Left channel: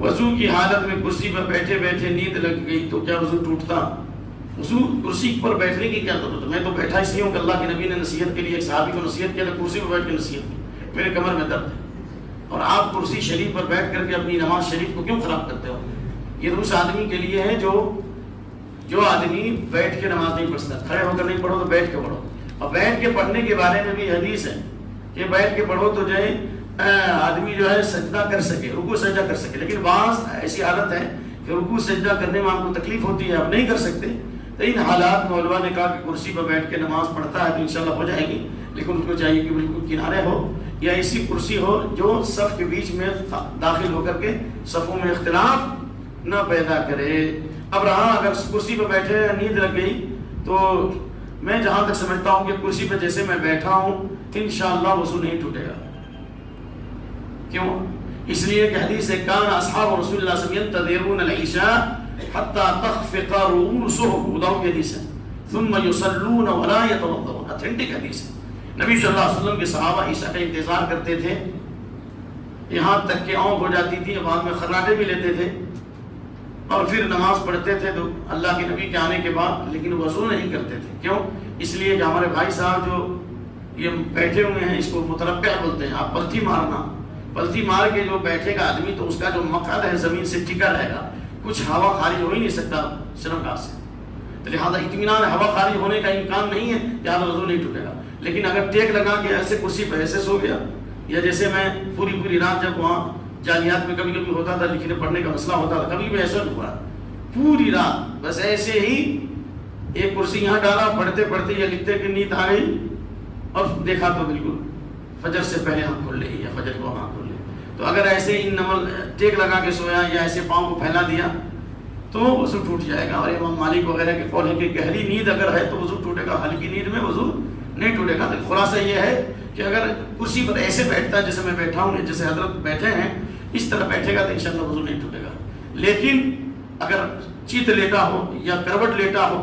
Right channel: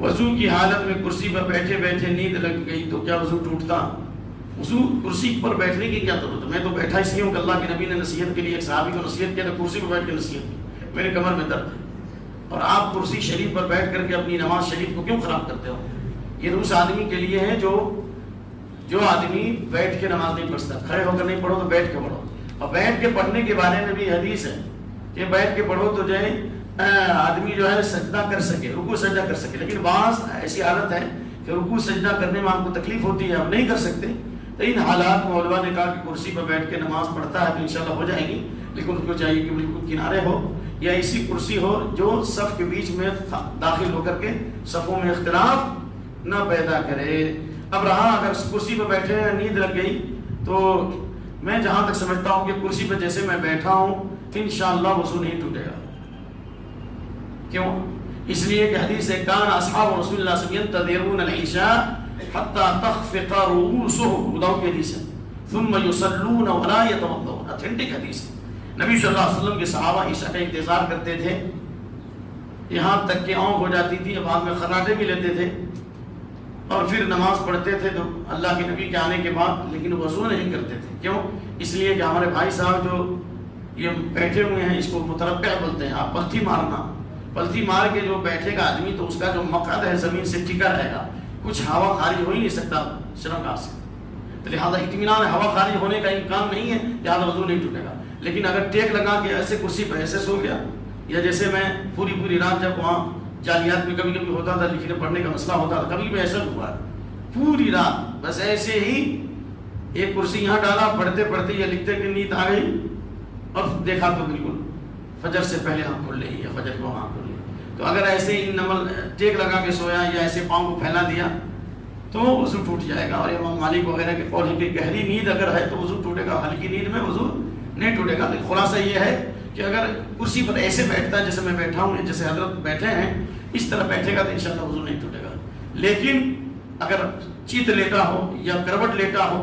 وضو کی حالت میں کرسی پر بیٹھے بیٹھے نیند لگ گئی تو کیا وضو ٹوٹتا؟ وضو کرسی پر بیٹھنے کی کیا ضرورت ہے؟ میں تو بیٹھا اس لیے ہوں کہ اللہ کے نبی نے نصیحت کے لیے ایک صحابی کو نصیحت کیا تھا، کرسی پر بیٹھ کے نصیحت کی، میرے کمر میں درد ہے، اور آپ کرسی شریف پر بیٹھ کر کے اپنی نماز شریف کو کیوں خراب کرتے ہو؟ یہ اس آدمی کے لیے ہے جو آدمی بیٹھ کے نماز نہیں پڑھ سکتا، کھڑے ہو کر نہیں پڑھو تو بیٹھ کے پڑھو، اور بیٹھ کے پڑھنے کے بارے میں بھی حدیث ہے کہ بیٹھ کے پڑھو تو جو ہے آدمی جو ہے سجدہ کر سکے، رکوع سجدہ کر سکے، لیکن بعض ایسی حالت ہے کہ رکوع سجدہ کرنے میں آپ کو تکلیف ہوتی ہے، آپ نہیں کر سکتے، تو ان حالات میں علماء نے کہا کہ کرسی پر بیٹھ کے نماز پڑھتا ہے تو انشاءاللہ ہو جائے گی، لیکن اس کو چاہیے کہ بالکل کنارے ہو یا ایسی کرسی ہو جو صف کے بیچ میں داخل ہو کر کے صفوں میں اختلاف نہ پیدا کرے۔ اب رہا اگر کرسی پہ بیٹھے نیند لگ گئی تو میں جہاں تک سمجھتا ہوں کہ کرسی پہ جیسے میں بیٹھا ہوں انشاءاللہ وضو نہیں ٹوٹے گا۔ کیوں؟ اس لیے کہ حدیث ہے کان اصحاب رسول اللہ صلی اللہ علیہ وسلم ينتظرون العشاء حتى تخفق رؤوسهم، ابو داؤد کی حدیث ہے، ثم يصلون ولا يتوضؤون، اتھینٹک حدیث ہے۔ نبی صلی اللہ علیہ وسلم کے صحابہ عشاء کا انتظار کرتے تھے یہاں تک کہ اونگ ہو جاتی تھی، بعد میں خراٹے بھی لیتے تھے اور پھر نماز پڑھتے تھے تو اللہ کے نبی کے آنے کے بعد، لیکن وضو نہیں کرتے تھے۔ کیوں؟ اس لیے کہ ہمارے بھائی صاحب جو یہ بیٹھے ہوئے ہیں اس کو متربع بولتے ہیں، آپ پلتھی مارنا، پلتھی مار کے جو بیٹھے گا آدمی تو اس کا جو مقعد ہے زمین سے ٹکا رہے گا، کچھ ہوا خارج ہو ہی نہیں سکتا شرمگاہ سے، تو لہٰذا اطمینان ہوا خارج ہونے کا امکان نہیں ہے، لہٰذا وضو نہیں ٹوٹے گا۔ لیکن اگر ٹیک لگا کے ایسے کرسی پہ ایسے سو گیا، یا جیسے میں پوری رات جب وہاں جامعات میں کبھی کبھی ہوتا تھا لکھنے پڑھنے کا مسئلہ ہوتا تھا، کبھی بھی ایسا ہوا ہے پوری رات بس ایسے ہی ایک کرسی یہاں ڈالا، پڑھتے پڑھتے یا لکھتے کہ نیند آ گئی اور دیکھا تو بالکل فجر سے پہلے ہم کھول لے یا فجر کو ہم کھول لے۔ تو اگر ایسے ہی نمل ٹیک لگا کے سویا یا ایسے پاؤں کو پھیلا دیا تو وضو ٹوٹ جائے گا، اور امام مالک وغیرہ کے قول ہے کہ گہری نیند اگر ہے تو وضو ٹوٹے گا، ہلکی نیند میں وضو نہیں ٹوٹے گا۔ خلاصہ یہ ہے کہ اگر کرسی پر ایسے بیٹھتا جیسے میں بیٹھا ہوں، جیسے حضرت بیٹھے ہیں اس طرح بیٹھے گا تو انشاءاللہ وضو نہیں ٹوٹے گا۔ لیکن اگر چیت لیٹا ہو یا کروٹ لیٹا ہو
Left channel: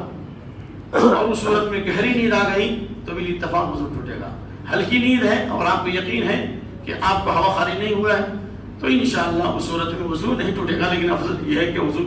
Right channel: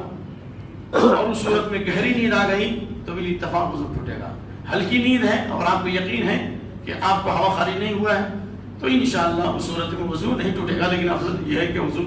اور اس صورت میں گہری نیند آ گئی تو بھی اتفاق وضو ٹوٹے گا۔ ہلکی نیند ہے اور آپ کو یقین ہے کہ آپ کو ہوا خارج نہیں ہوا ہے تو انشاءاللہ اس صورت میں وضو نہیں ٹوٹے گا، لیکن افضل یہ ہے کہ وضو